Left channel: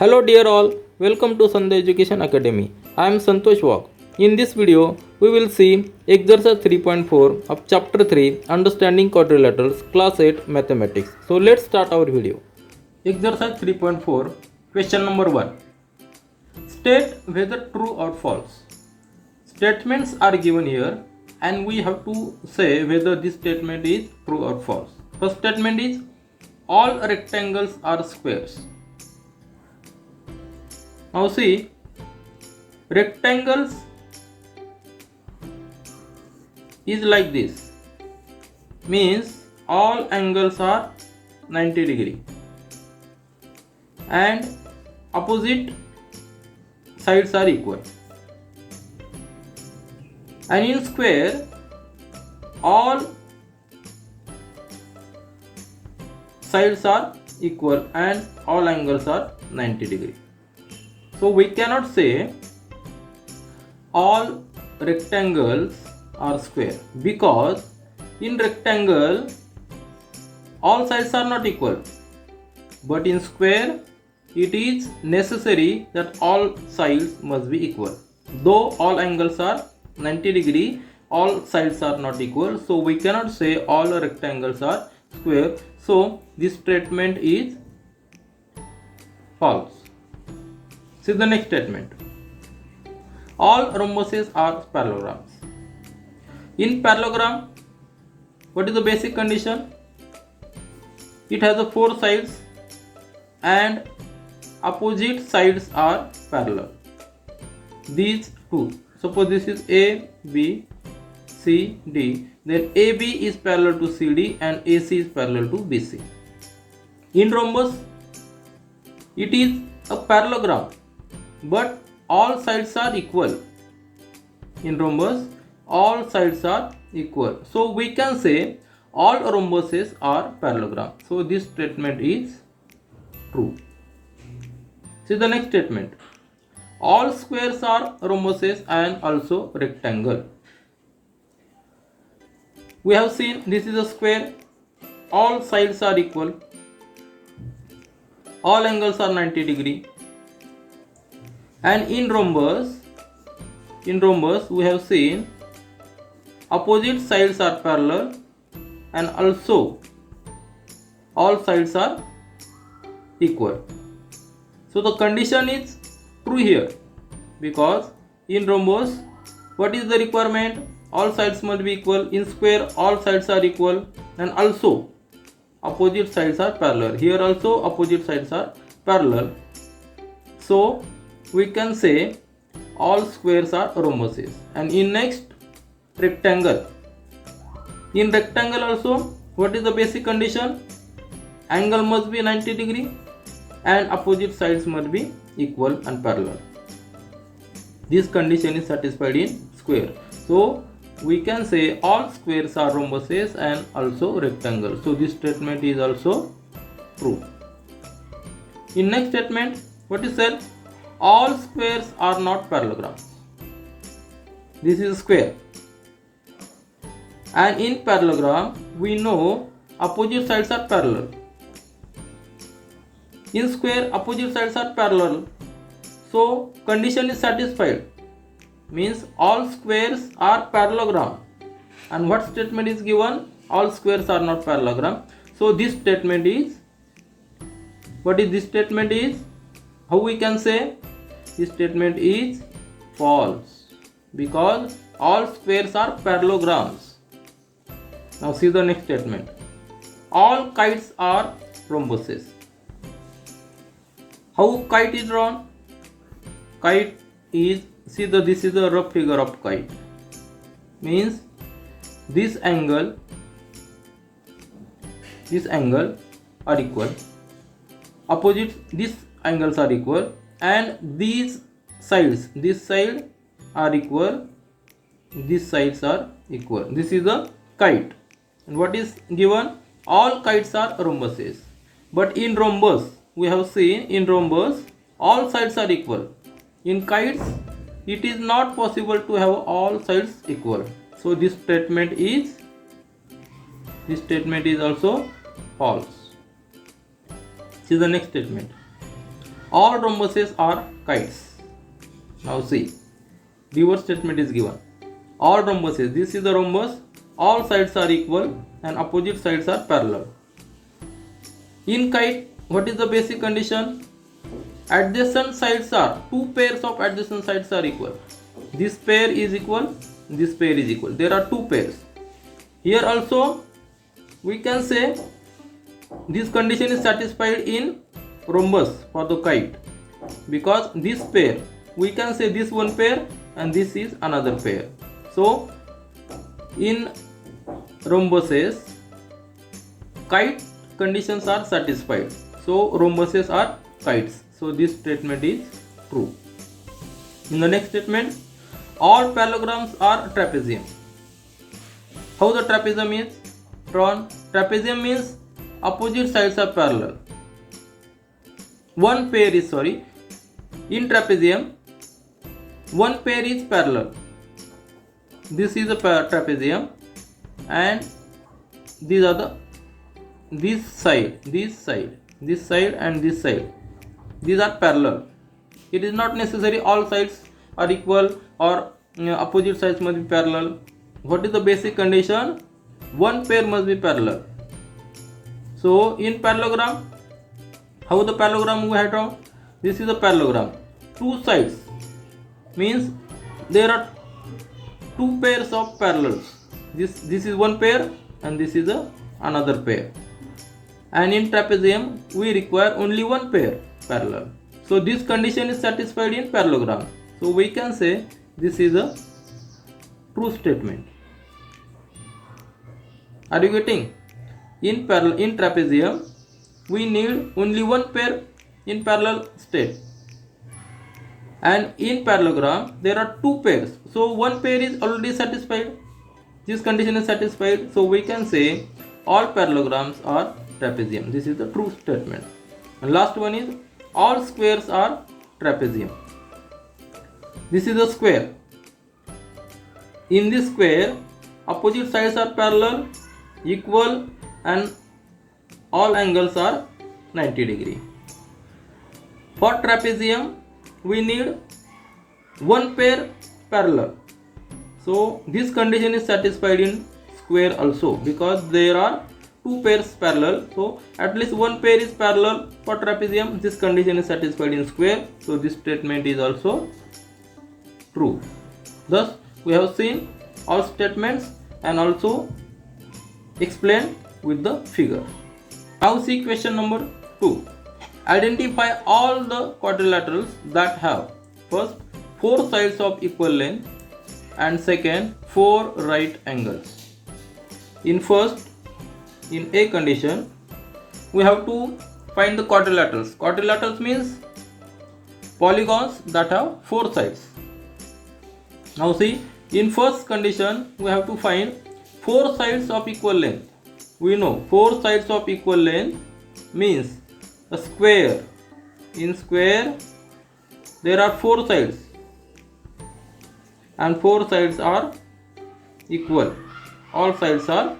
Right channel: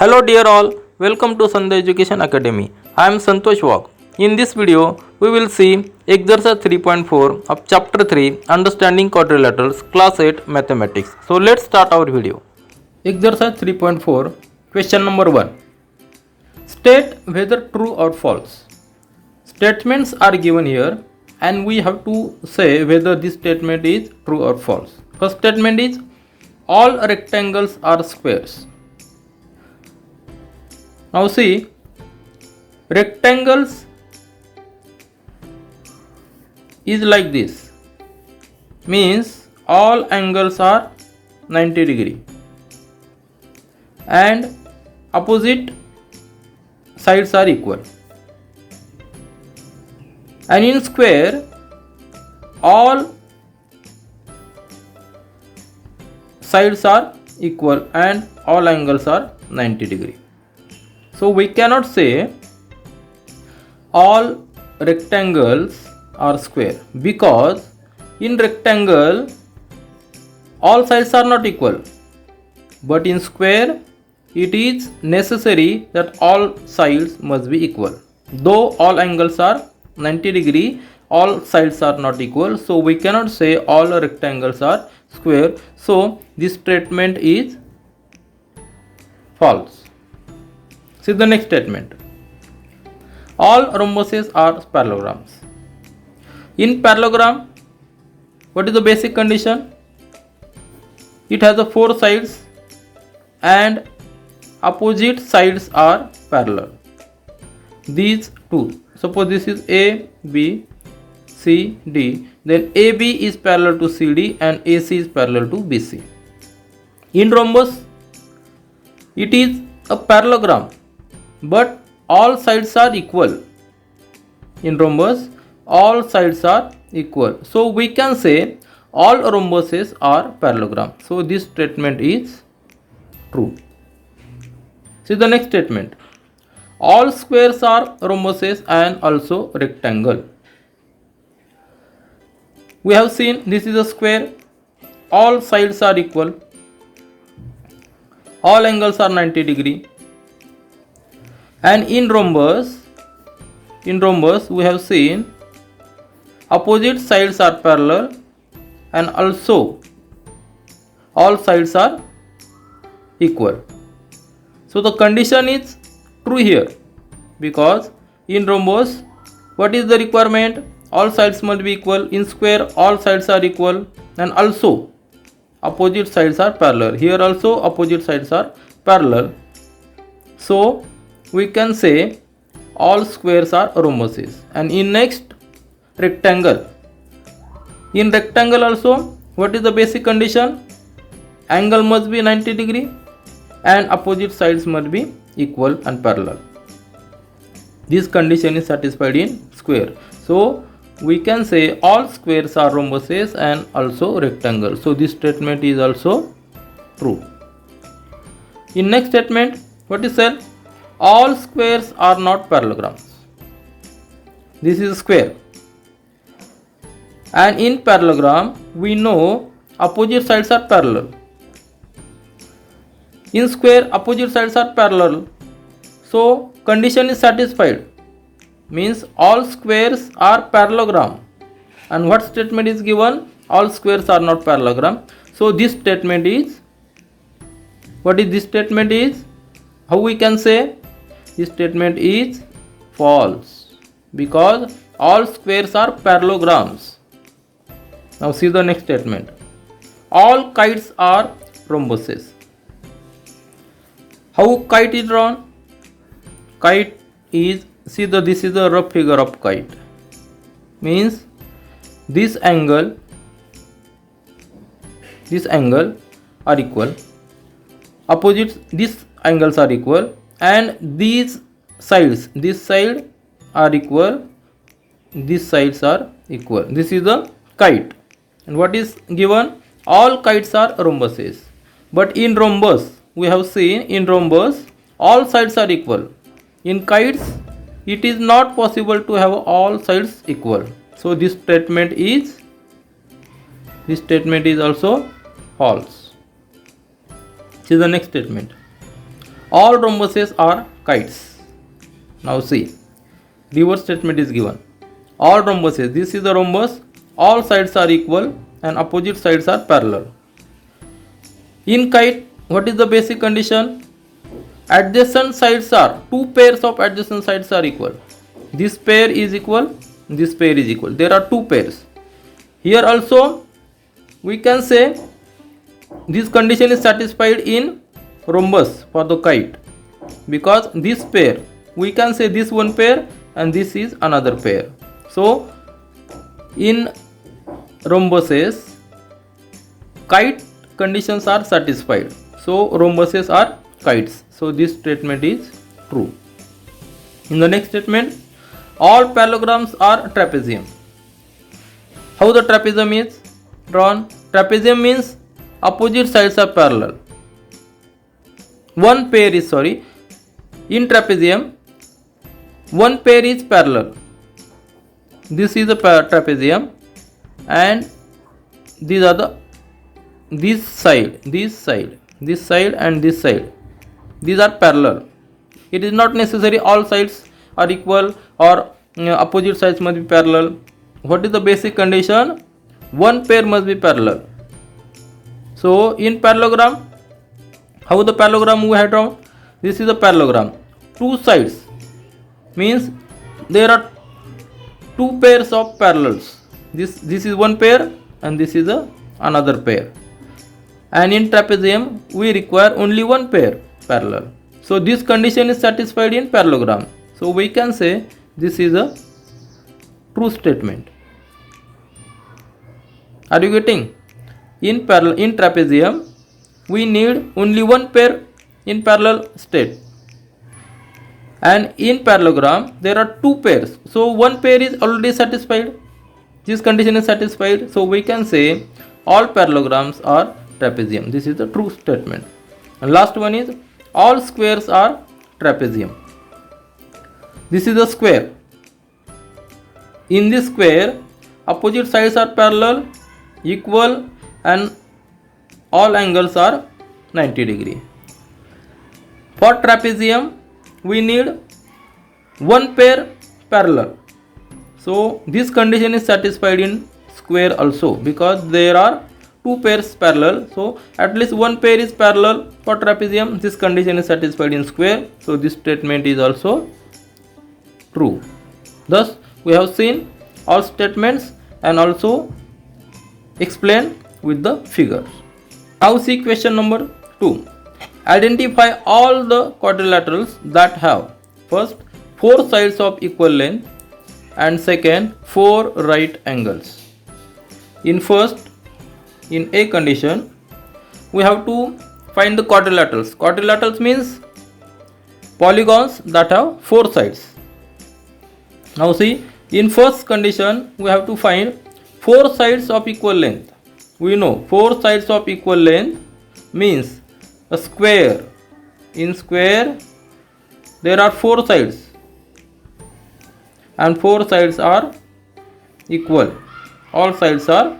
Hello dear all, welcome to Sandhya Education Academy. I am Santosh Wag. In this video, we will see exercise 3.4 of chapter 3 Understanding Quadrilaterals, class 8 Mathematics. So let's start our video. Exercise 3.4, question number 1. State whether true or false. Statements are given here and we have to say whether this statement is true or false. First statement is all rectangles are squares. Now see, rectangles is like this, means all angles are 90 degree and opposite sides are equal. And in square, all sides are equal and all angles are 90 degree. So we cannot say all rectangles are square, because in rectangle all sides are not equal, but in square it is necessary that all sides must be equal. Though all angles are 90 degree, all sides are not equal, so we cannot say all rectangles are square. So this statement is false. See the next statement. All rhombuses are parallelograms. In parallelogram, what is the basic condition? It has the four sides and opposite sides are parallel. These two. Suppose this is A, B, C, D. Then AB is parallel to CD and AC is parallel to BC. In rhombus, it is a parallelogram, but all sides are equal. In rhombus, all sides are equal. So we can say all rhombuses are parallelogram. So this statement is true. See the next statement. All squares are rhombuses and also rectangle. We have seen this is a square. All sides are equal. All angles are 90 degree. And in rhombus we have seen opposite sides are parallel and also all sides are equal. So the condition is true here, because in rhombus what is the requirement? All sides must be equal. In square all sides are equal and also opposite sides are parallel. Here also opposite sides are parallel. So we can say all squares are rhombuses. And in next, rectangle. In rectangle also, what is the basic condition? Angle must be 90 degree and opposite sides must be equal and parallel. This condition is satisfied in square. So we can say all squares are rhombuses and also rectangle. So this statement is also true. In next statement, what is said? All squares are not parallelograms. This is a square. And in parallelogram, we know opposite sides are parallel. In square, opposite sides are parallel. So condition is satisfied. Means all squares are parallelogram. And what statement is given? All squares are not parallelogram. So this statement is, what is this statement is? How we can say? This statement is false, because all squares are parallelograms. Now see the next statement. All kites are rhombuses. How kite is drawn? Kite is, see this is a rough figure of kite. Means this angle are equal. Opposites, these angles are equal. And these sides, this side are equal, these sides are equal. This is a kite. And what is given? All kites are rhombuses. But in rhombus, we have seen in rhombus, all sides are equal. In kites, it is not possible to have all sides equal. So this statement is also false. See the next statement. all rhombuses are kites. Now see, reverse statement is given. All rhombuses, this is the rhombus, all sides are equal and opposite sides are parallel. In kite, what is the basic condition? Adjacent sides are, two pairs of adjacent sides are equal. This pair is equal, this pair is equal. There are two pairs. Here also we can say this condition is satisfied in rhombus for the kite, because this pair, we can say this one pair and this is another pair. So in rhombuses, kite conditions are satisfied. So rhombuses are kites. So this statement is true. In the next statement, all parallelograms are trapezium. How the trapezium is drawn? Trapezium means opposite sides are parallel. One pair is, in trapezium, one pair is parallel. This is a trapezium and these are this side and this side. These are parallel. It is not necessary all sides are equal or opposite sides must be parallel. What is the basic condition? One pair must be parallel. So in parallelogram, how the parallelogram we have drawn? This is a parallelogram. Two sides means there are two pairs of parallels. This is one pair and this is another pair. And in trapezium we require only one pair parallel. So this condition is satisfied in parallelogram. So we can say this is a true statement. Are you getting? In trapezium we need only one pair in parallel state, and in parallelogram there are two pairs. So one pair is already satisfied. This condition is satisfied. So we can say all parallelograms are trapezium. This is the true statement. And last one is all squares are trapezium. This is a square. In this square, opposite sides are parallel, equal, and all angles are 90 degree. For trapezium, we need one pair parallel. So this condition is satisfied in square also, because there are two pairs parallel. So at least one pair is parallel for trapezium. This condition is satisfied in square. So this statement is also true. Thus we have seen all statements and also explained with the figures. Now see question number 2. Identify all the quadrilaterals that have first 4 sides of equal length and second 4 right angles. In A condition, we have to find the quadrilaterals. Quadrilaterals means polygons that have 4 sides. Now see, in first condition we have to find 4 sides of equal length. We know 4 sides of equal length means a square. In square there are 4 sides and 4 sides are equal. All sides are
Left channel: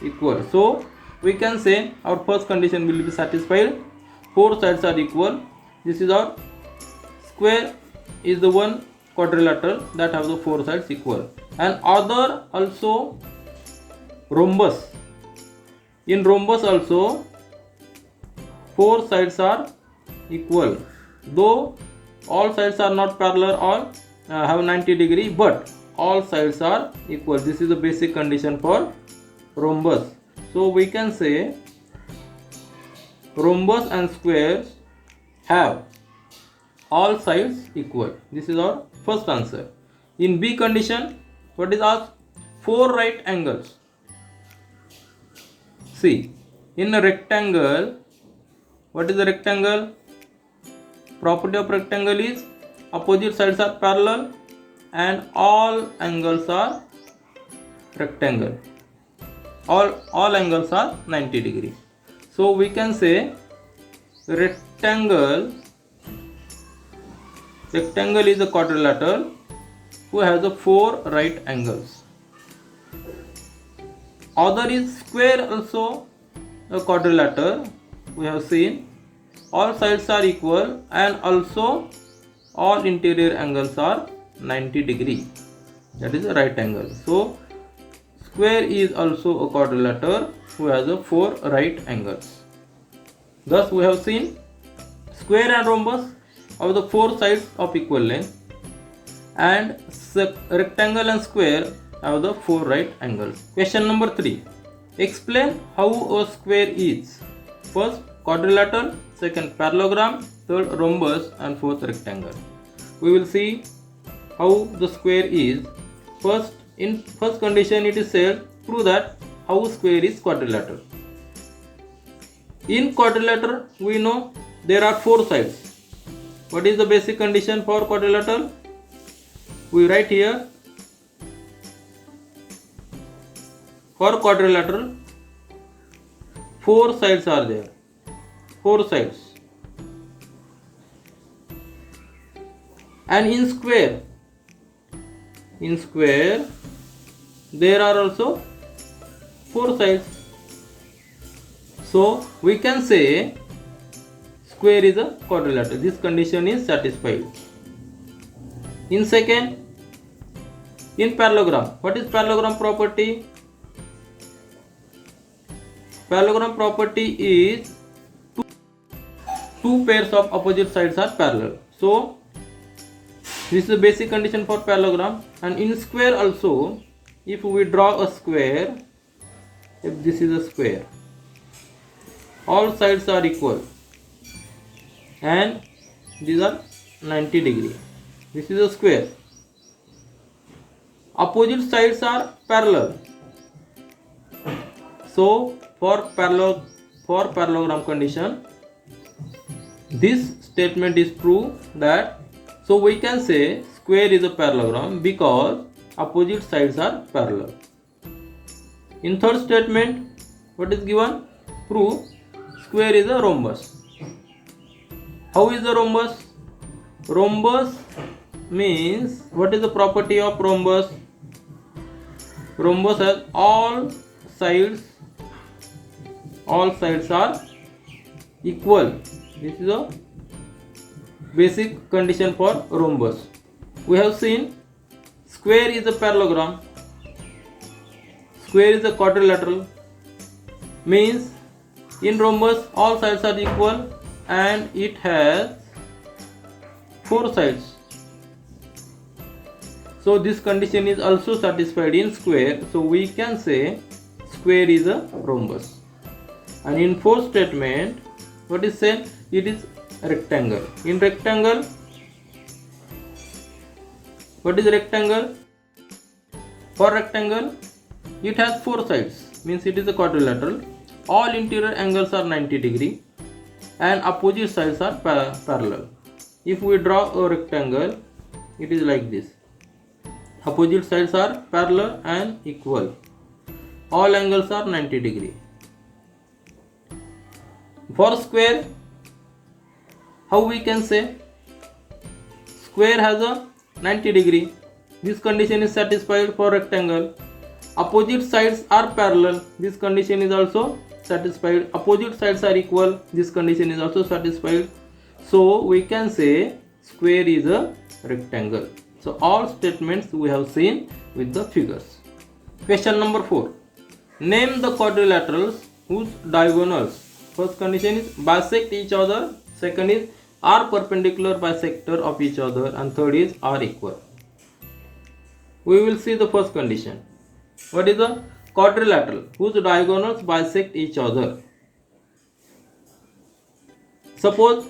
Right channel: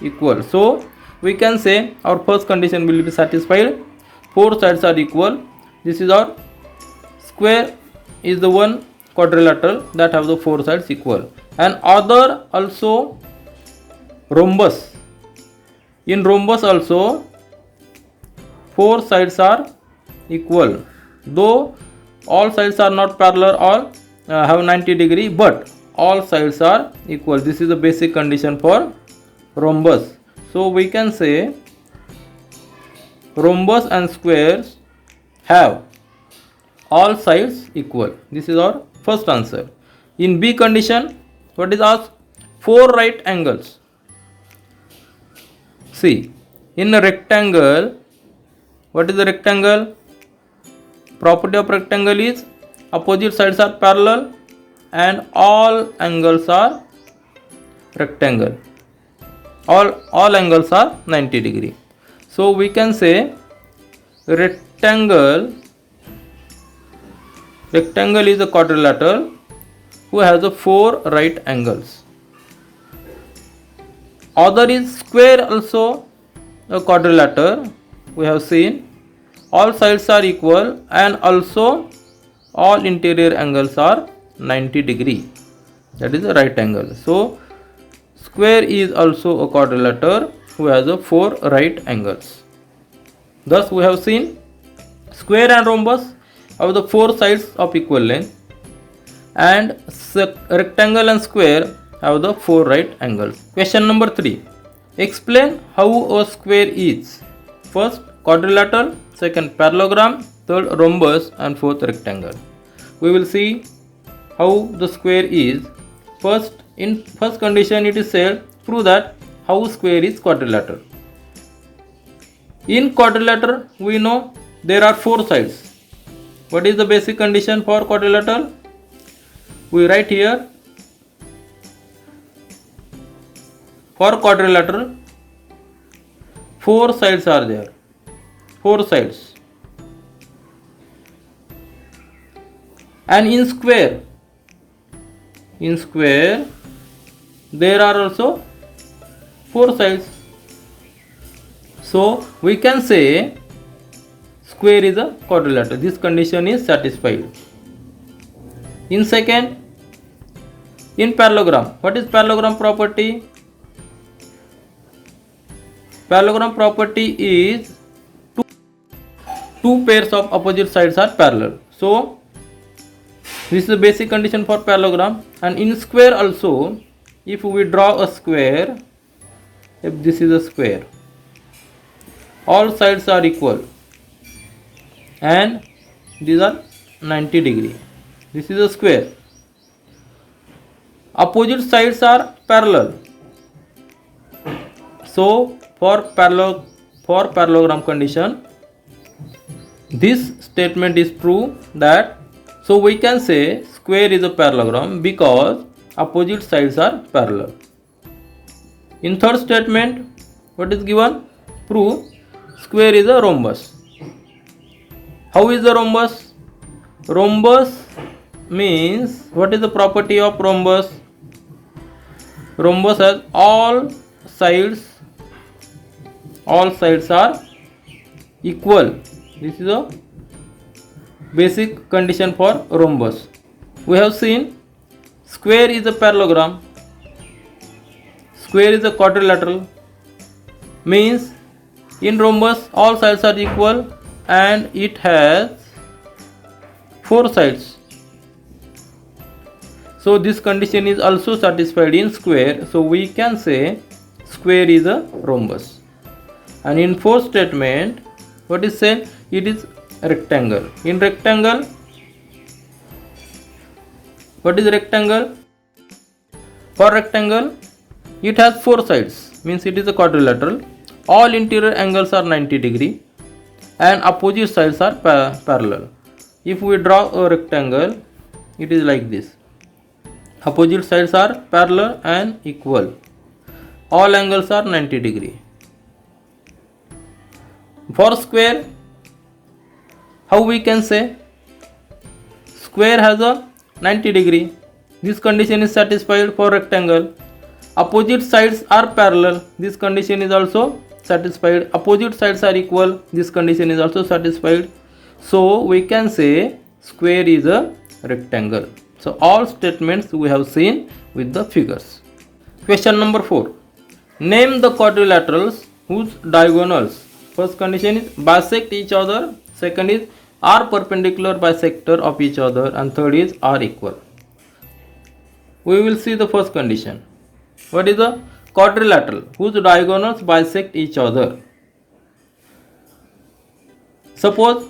equal. So we can say our first condition will be satisfied. 4 sides are equal. This is our square is the one quadrilateral that have the 4 sides equal. And other also rhombus. In rhombus also 4 sides are equal. Though all sides are not parallel or have 90 degree, but all sides are equal. This is the basic condition for rhombus. So we can say rhombus and squares have all sides equal. This is our first answer. In B condition, what is asked? 4 right angles. See, in a rectangle, what is the rectangle? Property of rectangle is opposite sides are parallel and all angles are rectangle. All angles are 90 degree. So we can say rectangle is a quadrilateral who has the 4 right angles. Other is square, also a quadrilateral. We have seen all sides are equal, and also all interior angles are 90 degree. That is a right angle. So square is also a quadrilateral who has a 4 right angles. Thus we have seen square and rhombus have the 4 sides of equal length, and rectangle and square have the 4 right angles. Question number 3. Explain how a square is. First quadrilateral, second parallelogram, third rhombus, and fourth rectangle. We will see how the square is. First, in first condition it is said, prove that how square is quadrilateral. In quadrilateral we know there are 4 sides. What is the basic condition for quadrilateral? We write here, for quadrilateral 4 sides are there. 4 sides. And in square there are also 4 sides. So we can say square is a quadrilateral. This condition is satisfied. In second, in parallelogram, what is parallelogram property? Parallelogram property is two pairs of opposite sides are parallel. So this is the basic condition for parallelogram. And in square also, if we draw a square, if this is a square, all sides are equal and these are 90 degree. This is a square. Opposite sides are parallel. So for parallelogram condition, this statement is true, that so we can say square is a parallelogram because opposite sides are parallel. In third statement, what is given? Prove square is a rhombus. How is the rhombus? Rhombus means, what is the property of rhombus? Rhombus has all sides are equal. This is a basic condition for rhombus. We have seen square is a parallelogram, square is a quadrilateral, means in rhombus all sides are equal and it has 4 sides. So this condition is also satisfied in square. So we can say square is a rhombus. And in fourth statement, what is said? It is rectangle. In rectangle, what is rectangle? For rectangle, it has 4 sides, means it is a quadrilateral. All interior angles are 90 degree and opposite sides are parallel. If we draw a rectangle, it is like this. Opposite sides are parallel and equal. All angles are 90 degree. For square, how we can say? Square has a 90 degree. This condition is satisfied for rectangle. Opposite sides are parallel. This condition is also satisfied. Opposite sides are equal. This condition is also satisfied. So we can say square is a rectangle. So all statements we have seen with the figures. Question number 4. Name the quadrilaterals whose diagonals. First condition is bisect each other. Second is are perpendicular bisector of each other. And third is are equal. We will see the first condition. What is the quadrilateral whose diagonals bisect each other? Suppose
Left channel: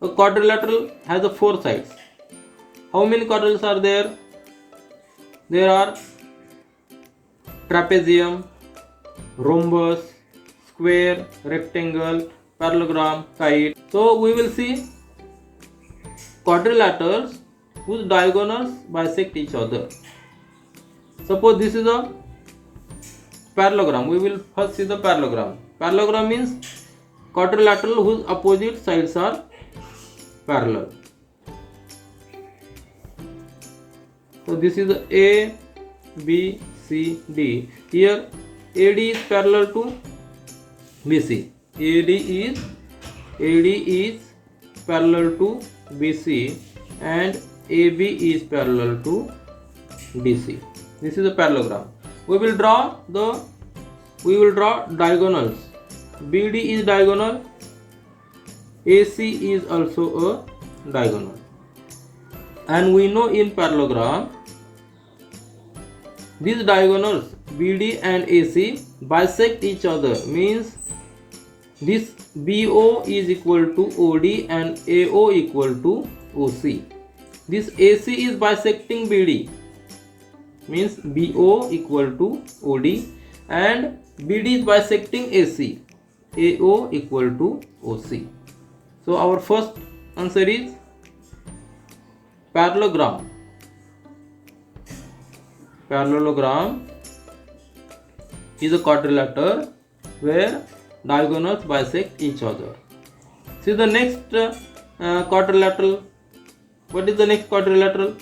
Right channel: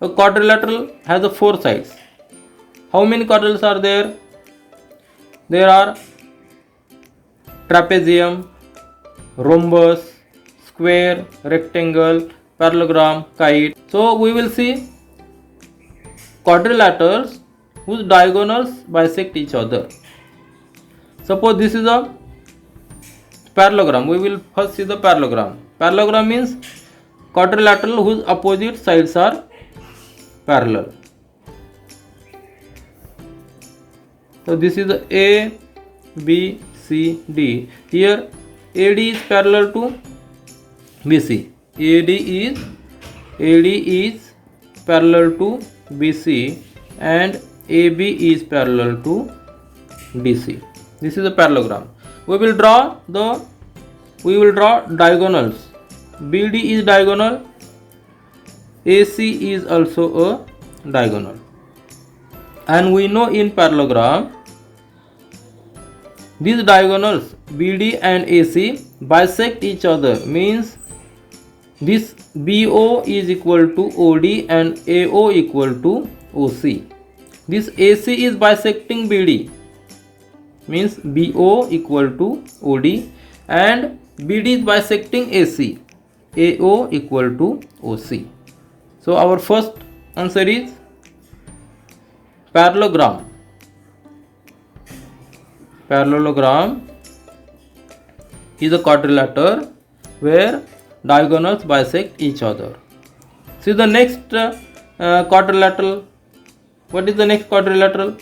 a quadrilateral has a 4 sides. How many quadrilaterals are there? There are trapezium, rhombus, square, rectangle, parallelogram, kite. So we will see quadrilaterals whose diagonals bisect each other. Suppose this is a parallelogram. We will first see the parallelogram. Parallelogram means quadrilateral whose opposite sides are parallel. So this is A, B, C, D. Here AD is parallel to BC. AD is AD is parallel to BC and AB is parallel to DC. This is a parallelogram. We will draw diagonals. BD is diagonal, AC is also a diagonal. And we know in parallelogram, these diagonals BD and AC bisect each other, means this BO is equal to OD and AO equal to OC. This AC is bisecting BD, means BO equal to OD, and BD is bisecting AC, AO equal to OC. So our first answer is parallelogram. Parallelogram is a quadrilateral where diagonals bisect each other. See the next quadrilateral. What is the next quadrilateral?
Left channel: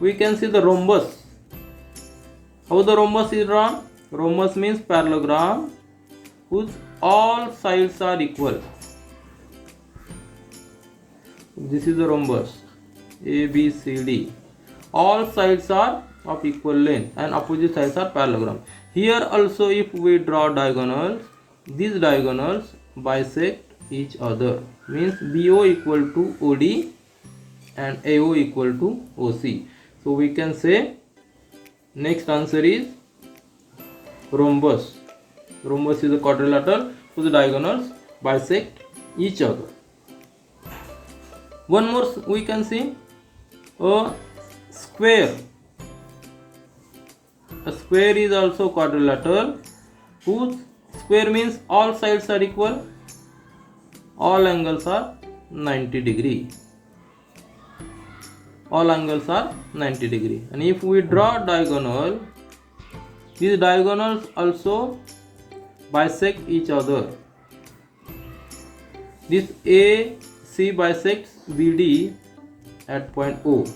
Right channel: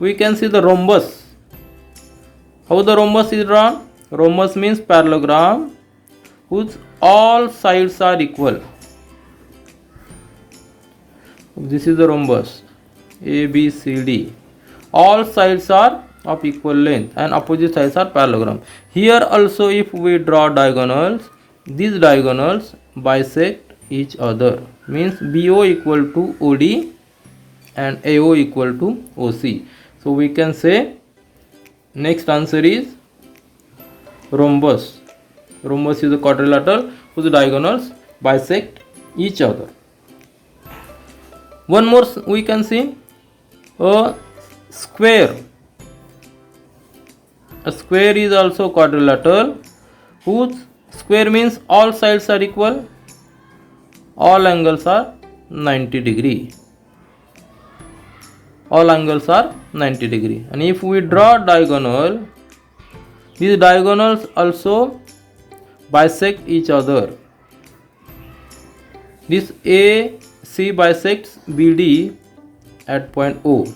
We can see the rhombus. How the rhombus is drawn? Rhombus means parallelogram whose all sides are equal. This is the rhombus. A, B, C, D. All sides are of equal length and opposite sides are parallelogram. Here also if we draw diagonals, these diagonals bisect each other, means BO equal to OD and AO equal to OC. So we can say next answer is rhombus. Rhombus is a quadrilateral whose diagonals bisect each other. One more we can see a square. A square is also quadrilateral whose square means all sides are equal, all angles are 90 degree. All angles are 90 degree. And if we draw diagonal, these diagonals also bisect each other. This AC bisects BD at point O.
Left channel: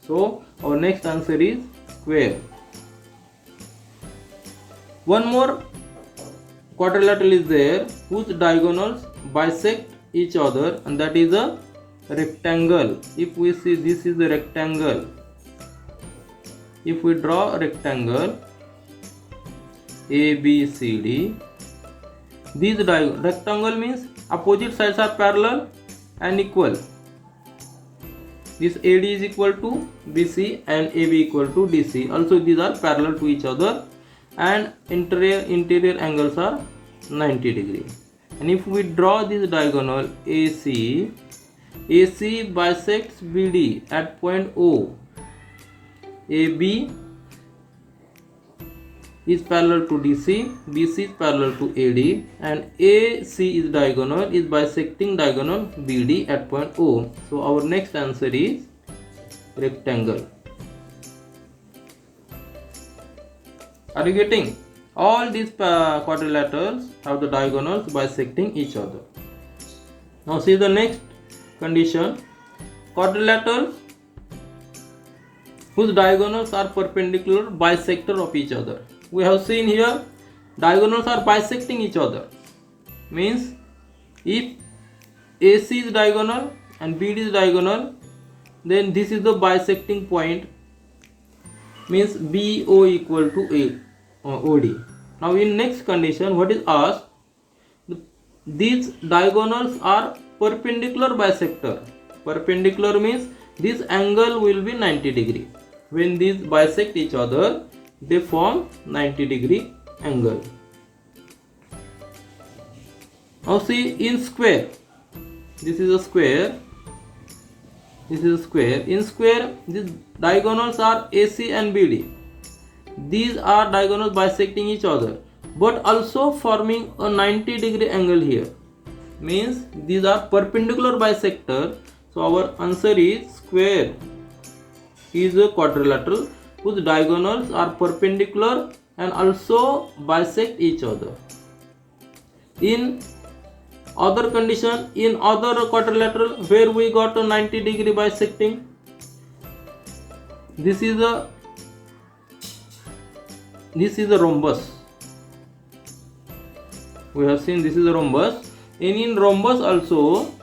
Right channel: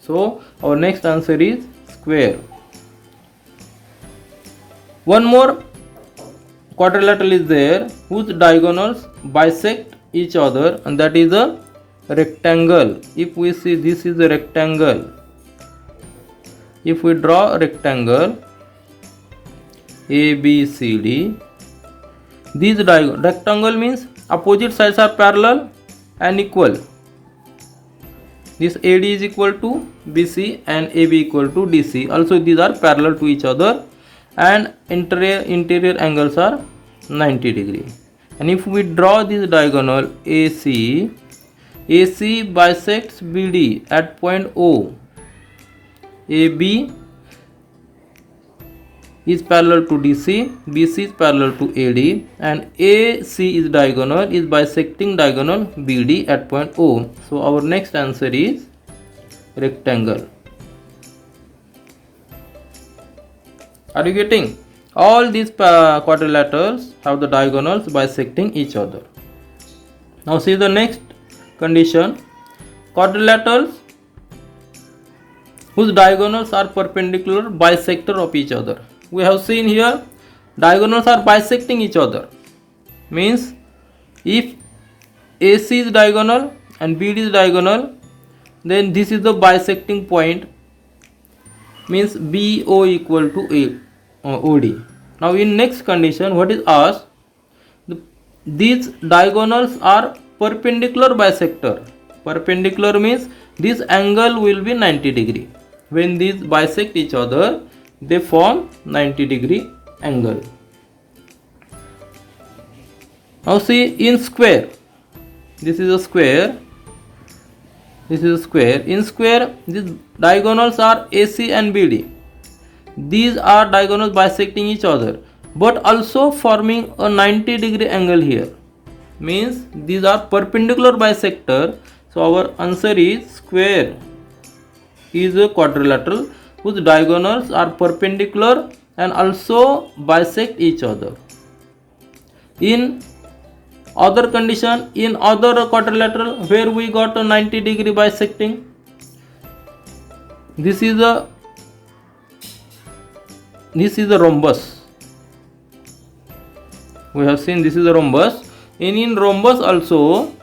So our next answer is square. One more quadrilateral is there whose diagonals bisect each other, and that is a rectangle. If we see, this is a rectangle. If we draw a rectangle A, B, C, D, these rectangle means opposite sides are parallel and equal. This AD is equal to BC and AB equal to DC. Also these are parallel to each other and interior angles are 90 degree. And if we draw this diagonal AC bisects BD at point O. AB is parallel to DC, BC is parallel to AD, and AC is bisecting diagonal BD at point O. So our next answer is rectangle. Are you getting? All these quadrilaterals have the diagonals bisecting each other. Now see the next condition. Quadrilaterals whose diagonals are perpendicular bisector of each other. We have seen here diagonals are bisecting each other, means if AC is diagonal and BD is diagonal, then this is the bisecting point, means BO equal to OD. Now in next condition, what is asked? These diagonals are perpendicular bisector. Perpendicular means this angle will be 90 degree. When these bisect each other, they form 90 degree angle. Now see in square, this is a square, this is a square. In square, these diagonals are AC and BD. These are diagonals bisecting each other, but also forming a 90 degree angle here. Means these are perpendicular bisector. So our answer is square is a quadrilateral whose diagonals are perpendicular and also bisect each other. In other condition, in other quadrilateral where we got a 90 degree bisecting, this is a rhombus. We have seen this is a rhombus. in rhombus also,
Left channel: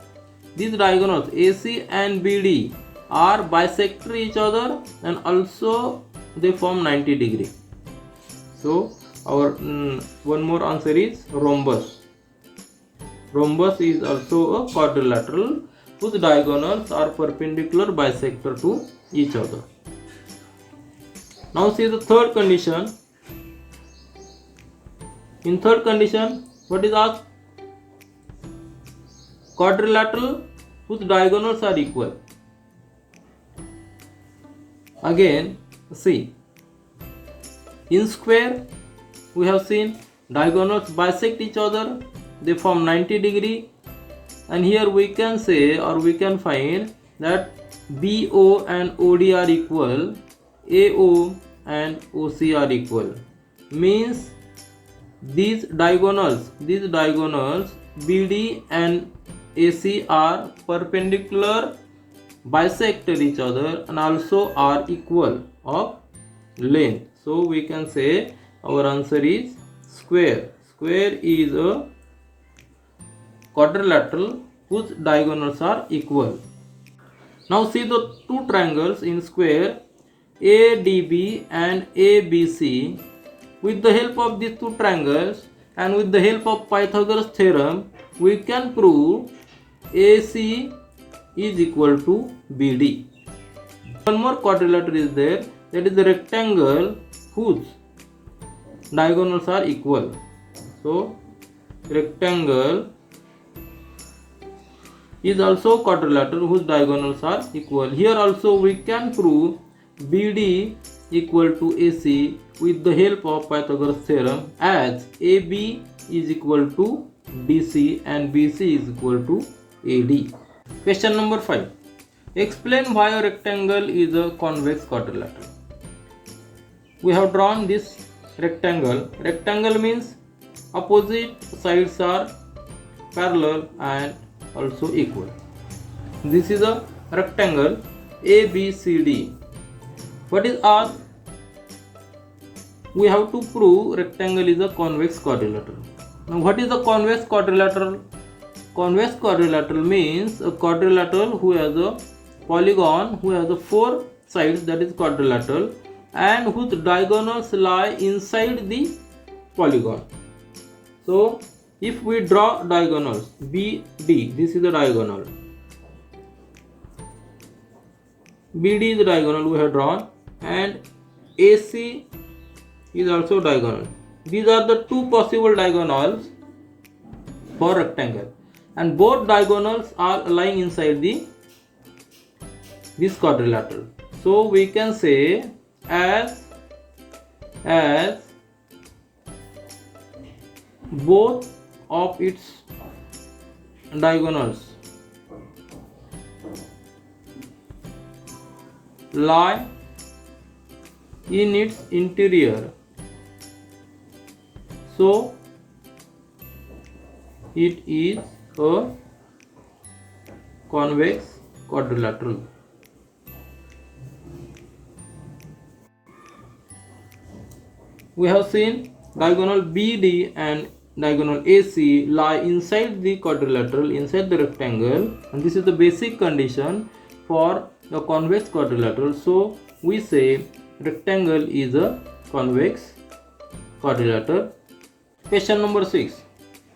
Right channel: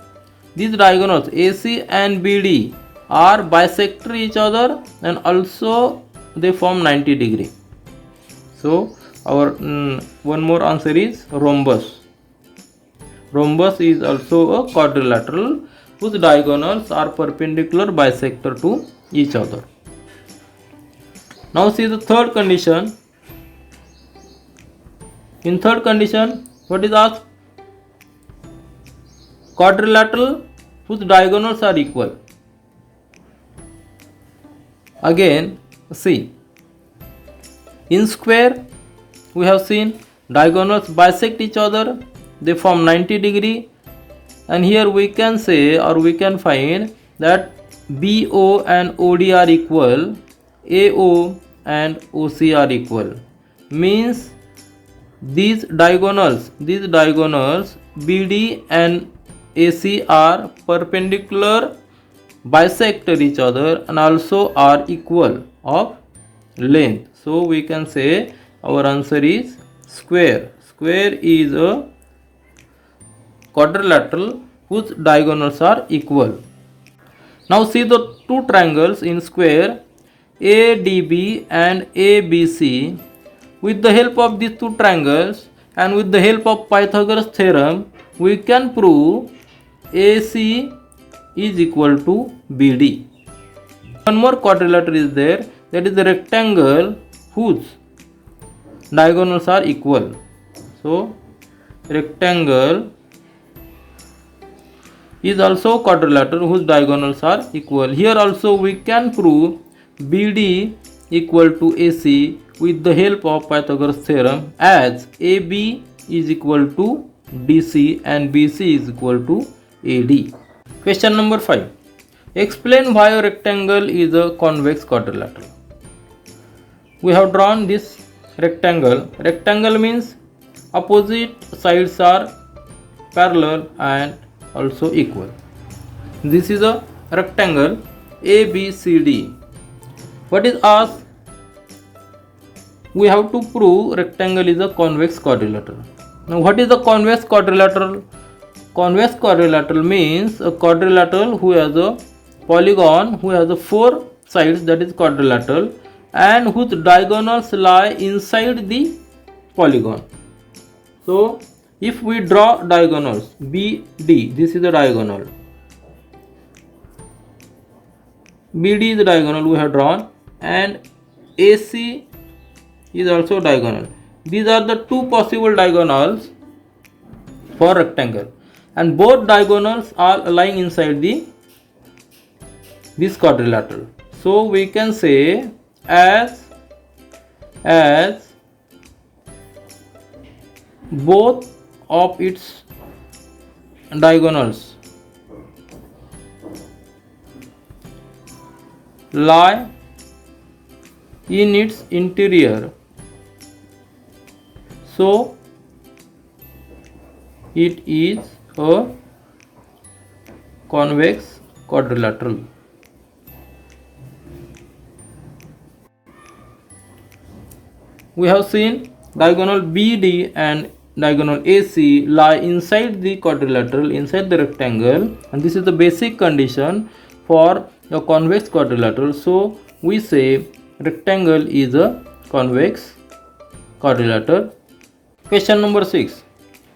these diagonals AC and BD are bisect each other and also they form 90 degree. So our one more answer is rhombus. Rhombus is also a quadrilateral whose diagonals are perpendicular bisector to each other. Now see the third condition. In third condition, what is asked? Quadrilateral whose diagonals are equal. Again, see, in square we have seen diagonals bisect each other, they form 90 degree, and here we can say or we can find that BO and OD are equal, AO and OC are equal. Means these diagonals BD and AC are perpendicular, bisect each other and also are equal of length. So we can say our answer is square. Square is a quadrilateral whose diagonals are equal. Now see the two triangles in square ADB and ABC. With the help of these two triangles and with the help of Pythagoras theorem, we can prove AC is equal to BD. One more quadrilateral is there, that is the rectangle whose diagonals are equal. So rectangle is also quadrilateral whose diagonals are equal. Here also we can prove BD equal to AC with the help of Pythagoras theorem, as AB is equal to DC and BC is equal to AD. Question number 5. Explain why a rectangle is a convex quadrilateral. We have drawn this rectangle. Rectangle means opposite sides are parallel and also equal. This is a rectangle ABCD. What is asked? We have to prove rectangle is a convex quadrilateral. Now what is the convex quadrilateral? Convex quadrilateral means a quadrilateral who has a polygon who has a 4 sides, that is quadrilateral, and whose diagonals lie inside the polygon. So if we draw diagonals BD, this is the diagonal, BD is the diagonal we have drawn, and AC is also diagonal. These are the two possible diagonals for rectangle, and both diagonals are lying inside this quadrilateral. So we can say as both of its diagonals lie in its interior, so it is a convex quadrilateral. We have seen diagonal BD and diagonal AC lie inside the quadrilateral, inside the rectangle, and this is the basic condition for a convex quadrilateral. So we say rectangle is a convex quadrilateral. Question number 6.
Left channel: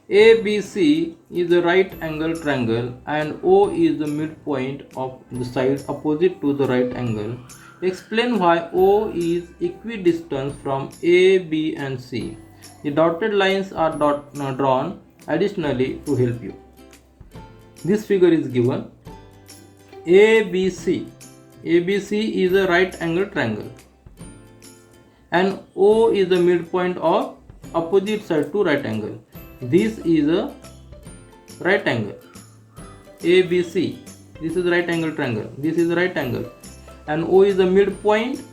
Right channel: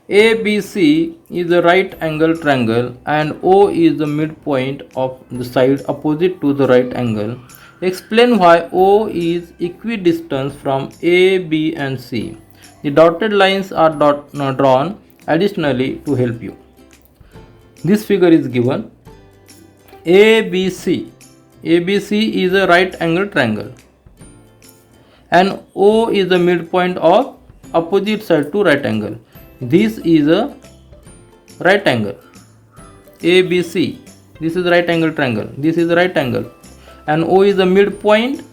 ABC is a right angle triangle and O is the midpoint of the side opposite to the right angle. Explain why O is equidistant from A, B and C. The dotted lines are drawn additionally to help you. This figure is given. ABC is a right angle triangle and O is the midpoint of opposite side to right angle. This is a right angle ABC. This is right angle triangle. This is right angle, and O is the midpoint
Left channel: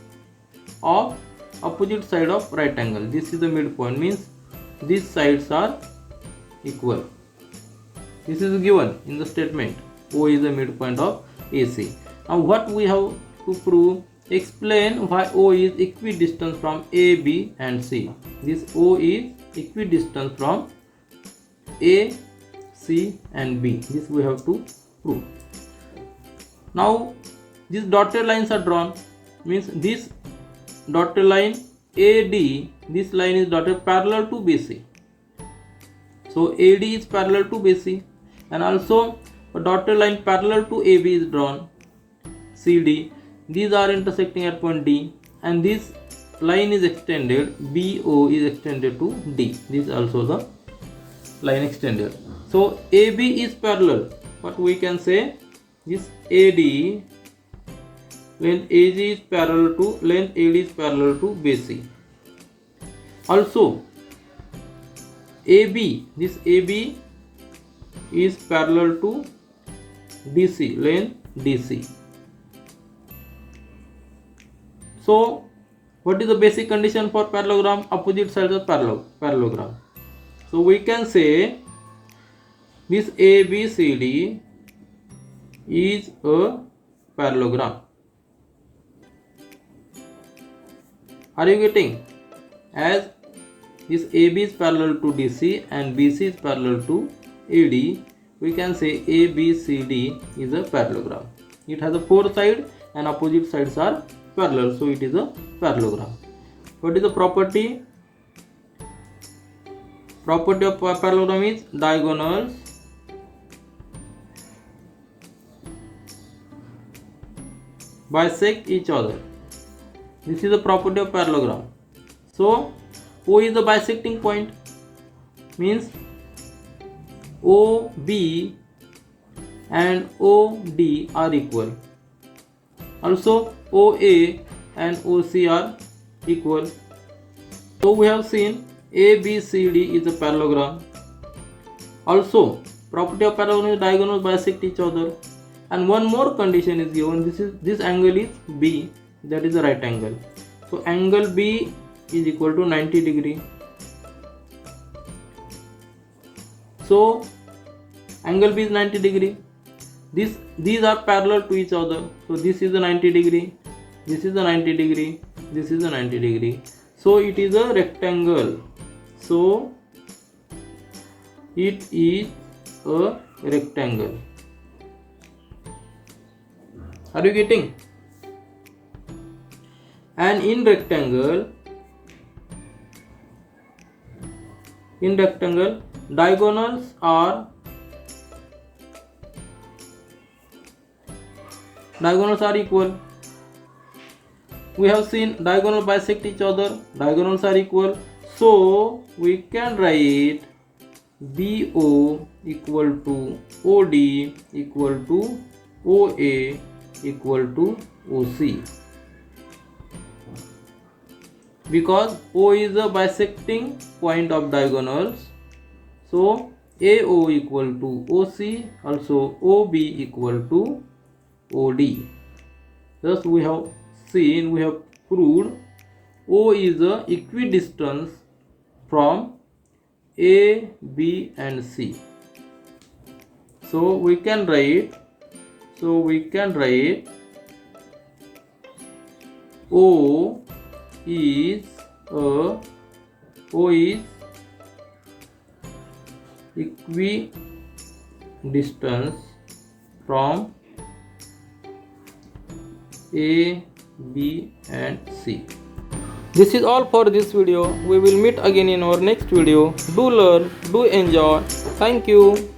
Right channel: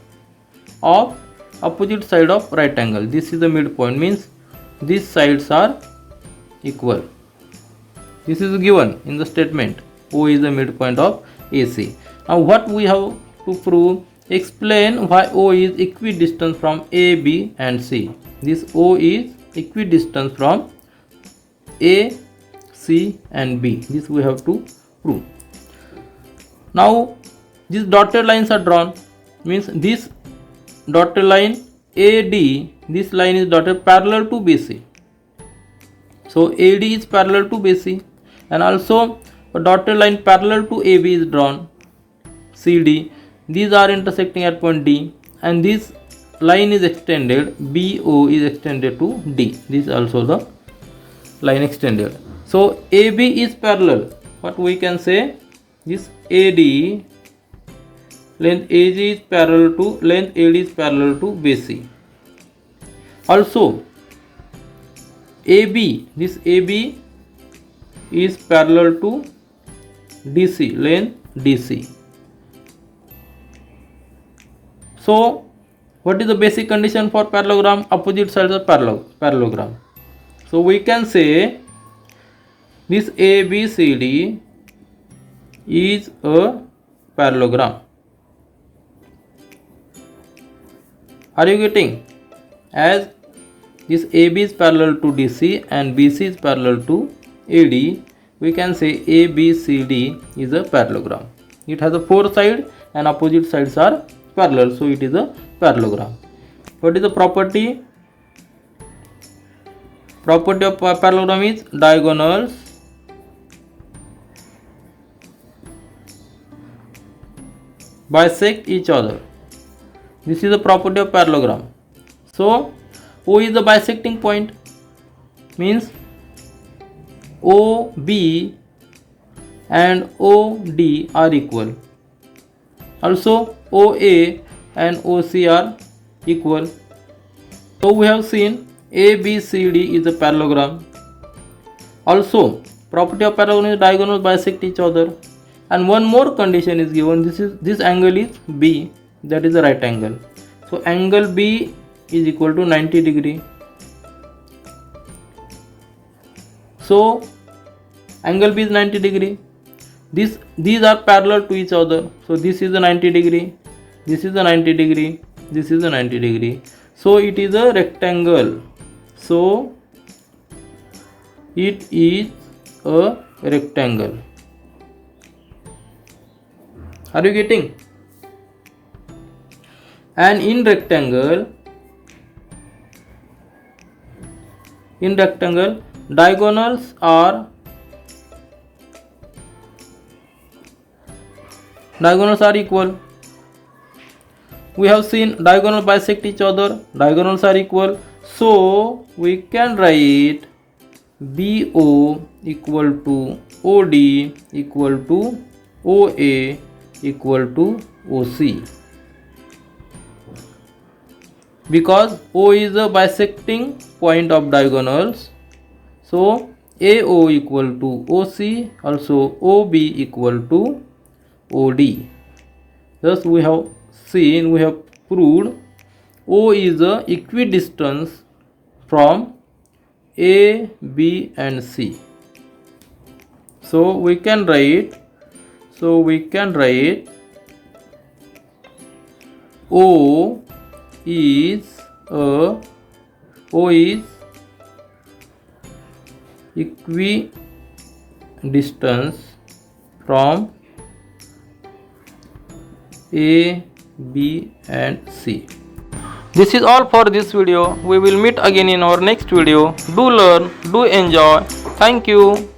of opposite side of right angle. This is the midpoint, means these sides are equal. This is given in the statement. O is the midpoint of AC. Now what we have to prove? Explain why O is equidistant from A, B and C. This O is equidistant from A, C and B. This we have to prove. Now these dotted lines are drawn, means this dotted line AD, this line is dotted parallel to BC. So AD is parallel to BC, and also a dotted line parallel to AB is drawn, CD. These are intersecting at point D, and this line is extended, BO is extended to D. This is also the line extended. So AB is parallel. What we can say? This AD, length AG is parallel to, length AD is parallel to BC. Also AB, this AB is parallel to DC, length DC. So what is the basic condition for parallelogram? Opposite sides of parallelogram. So we can say this ABCD is a parallelogram. Are you getting? As this AB is parallel to DC and BC is parallel to AD, we can say ABCD is a parallelogram. It has a 4 sides and opposite sides are parallel, so it is a parallelogram. What is the property? Property of parallelogram is diagonals bisect each other. This is the property of parallelogram. So O is the bisecting point, means OB and OD are equal. Also OA and OC are equal. So we have seen ABCD is a parallelogram. Also property of parallelogram is diagonals bisect each other. And one more condition is given. This angle is B, that is the right angle. So angle B is equal to 90 degree. So angle B is 90 degree. These are parallel to each other. So this is the 90 degree, this is the 90 degree, this is the 90 degree. So it is a rectangle. So it is a rectangle. Are you getting? And in rectangle diagonals are equal. We have seen diagonals bisect each other, diagonals are equal. So we can write BO equal to OD equal to OA equal to OC, because O is a bisecting point of diagonals. So AO equal to OC, also OB equal to OD. Thus we have proved O is a equidistance from A, B and C. So we can write O is equidistance from A, B and C. This is all for this video. We will meet again in our next video. Do learn, do enjoy. Thank you.